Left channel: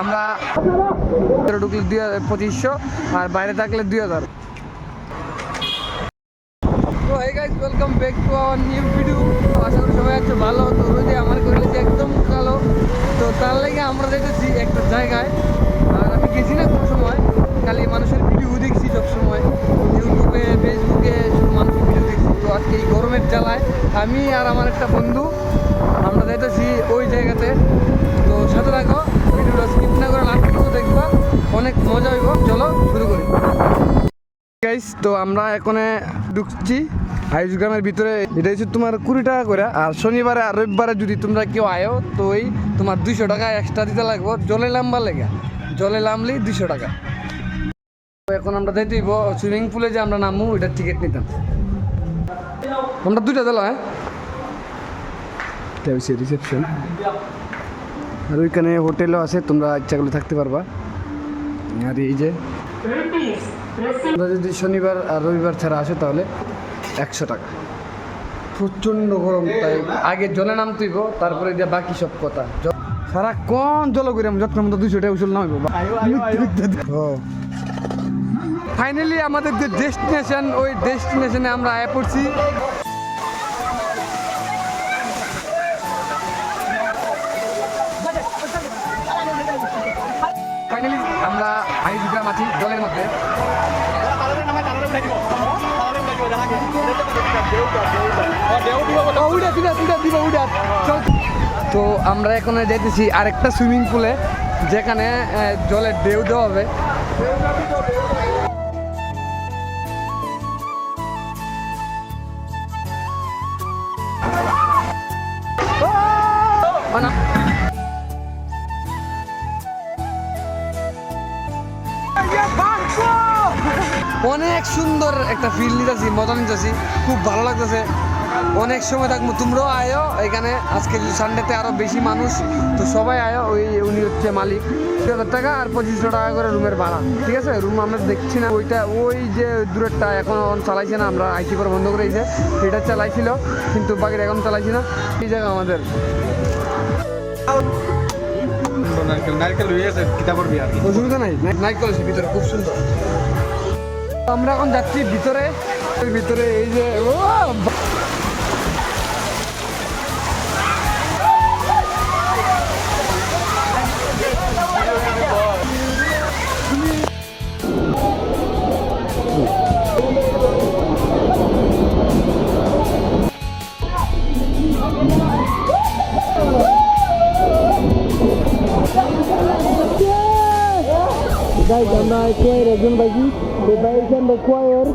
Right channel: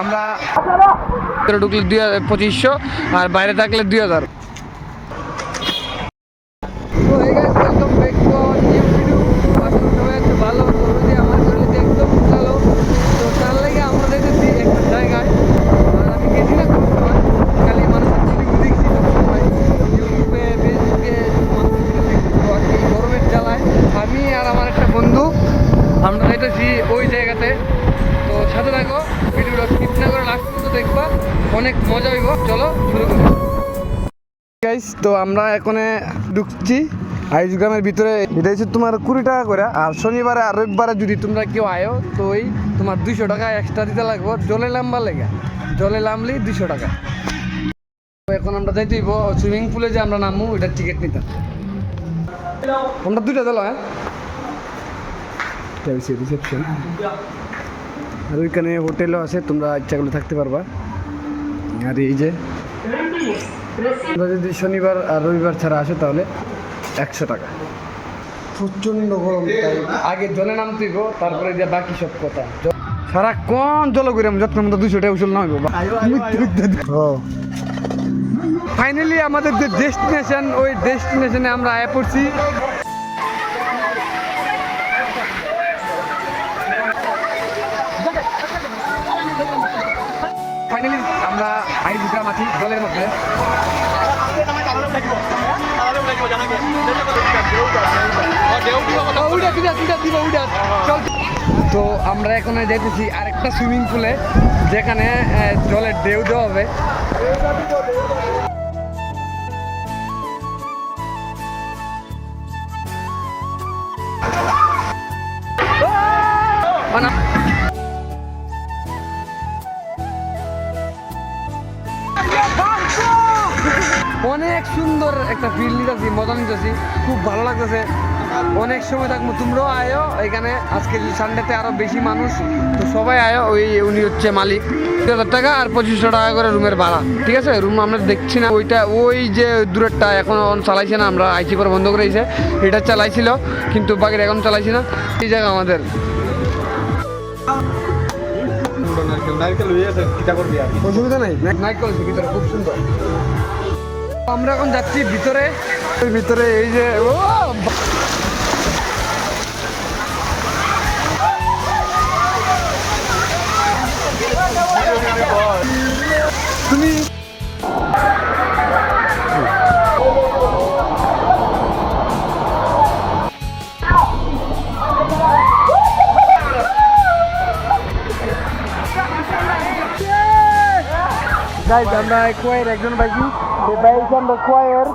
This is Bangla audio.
আমরা ঢুকলে 2500 আর বাইরে থাকলে 2000। তো hey guys, welcome back to our new video. আসলে সবাই একটু ভালো তো যে আমার ভিডিওতে একদম ভালো তো তার লাগে আমরা দেখেছি একটা জায়গায় আর আমি গেছি না কোন সময় খালি মানুষের ভিডিও দেখছি সব সময় ইউটিউবে ফেসবুকে মানুষের ভিডিও দেখছি তো আজকে এই গরমের জ্বালায় আমি আর আমার একটা বন্ধু আমরা যাইতেছি ওই জায়গাতে। তো সাথে থাকো, ভিডিওটা স্কিপ না করে লাস্ট পর্যন্ত দেখবা, অনেক মজা হইব। চলো শুরু করি গাইস। তো আমরা এখানে ঢুকছি আয়ুষ গ্রামের ভিতরে। এটা হচ্ছে তোমার 20 টাকা করে, আর শনিবারে আর রবিবারে যদি তোমরা কেউ আয়ো তো ওই তোমার 200 টাকা এক্সট্রা দিতে লাগবো জলে নামবার লেগে। জলে নামলেই 200 টাকা। তো এখন আমরা যাইতে হইব সুইমিং পুলে যে আমরা নামবো ওইটার টিকিট নিতাম আমরা 2টা দিল। হ্যাঁ রিসেপশন, আর ওইখানে হোটেলও আছে, তোমরা ইচ্ছা করলে থাকতে পারবা। আর এই যে তোমরা যদি শনিবার আর রবিবার ছাড়া আসো তাহলে 100 টাকা। প্রচণ্ড গরম, তাই আগে জলে নামতে হইব, তারপরে যে বাকি সব কথা। সারাক্ষণ জল করিলাম যত্নের মতো 200 টাকা উচল না হইব। ফাইনালি আমাদের যে ডেস্টিনেশন, ওই ডেস্টিনেশনে আমরা আয়া পড়ছি। ফাইনালি আমরা আইস গ্রাম আছি জলের মধ্যে। তো আমরা এখন দেখতেছি আরেকটা সুইমিং পুলে যেখানে জলের ঢেউ দেওয়া হবে। অনেক সুন্দর একটা ফিল নিতেছি, মজা নিতেছি, খুব ভালো লাগতেছে। অনেক সময় থাকবো, তোমরাও আয়ো এখানে। আজকে সানডেতে আরো বেশি মানুষ, তো সবাই আয়ো। উনি হচ্ছে মালিক। 2000 টাকা আর 2500 টাকা করে রুমের ভাড়া, ঠিক আছে? রুম আমরা দেখছি না, ওইটা ওই যে দূরেরটা এখন চালাইছে না, আমরা আইসি করে বন্ধ করে দিয়েছে। এটা চালাইছিল কিন্তু বাকিটা এখন চালাইছি না। এই জায়গা আমাদের অসুবিধা নাই, নাইকেল আছে ভিতরে, খুব সুন্দর। আমরা এখন যাচ্ছি ভিতরে। ভিতরে এই যে ও তুমি guys, আমরা কোয়ার একজন ভাইজি, এই ভাই আমরা কোয়ার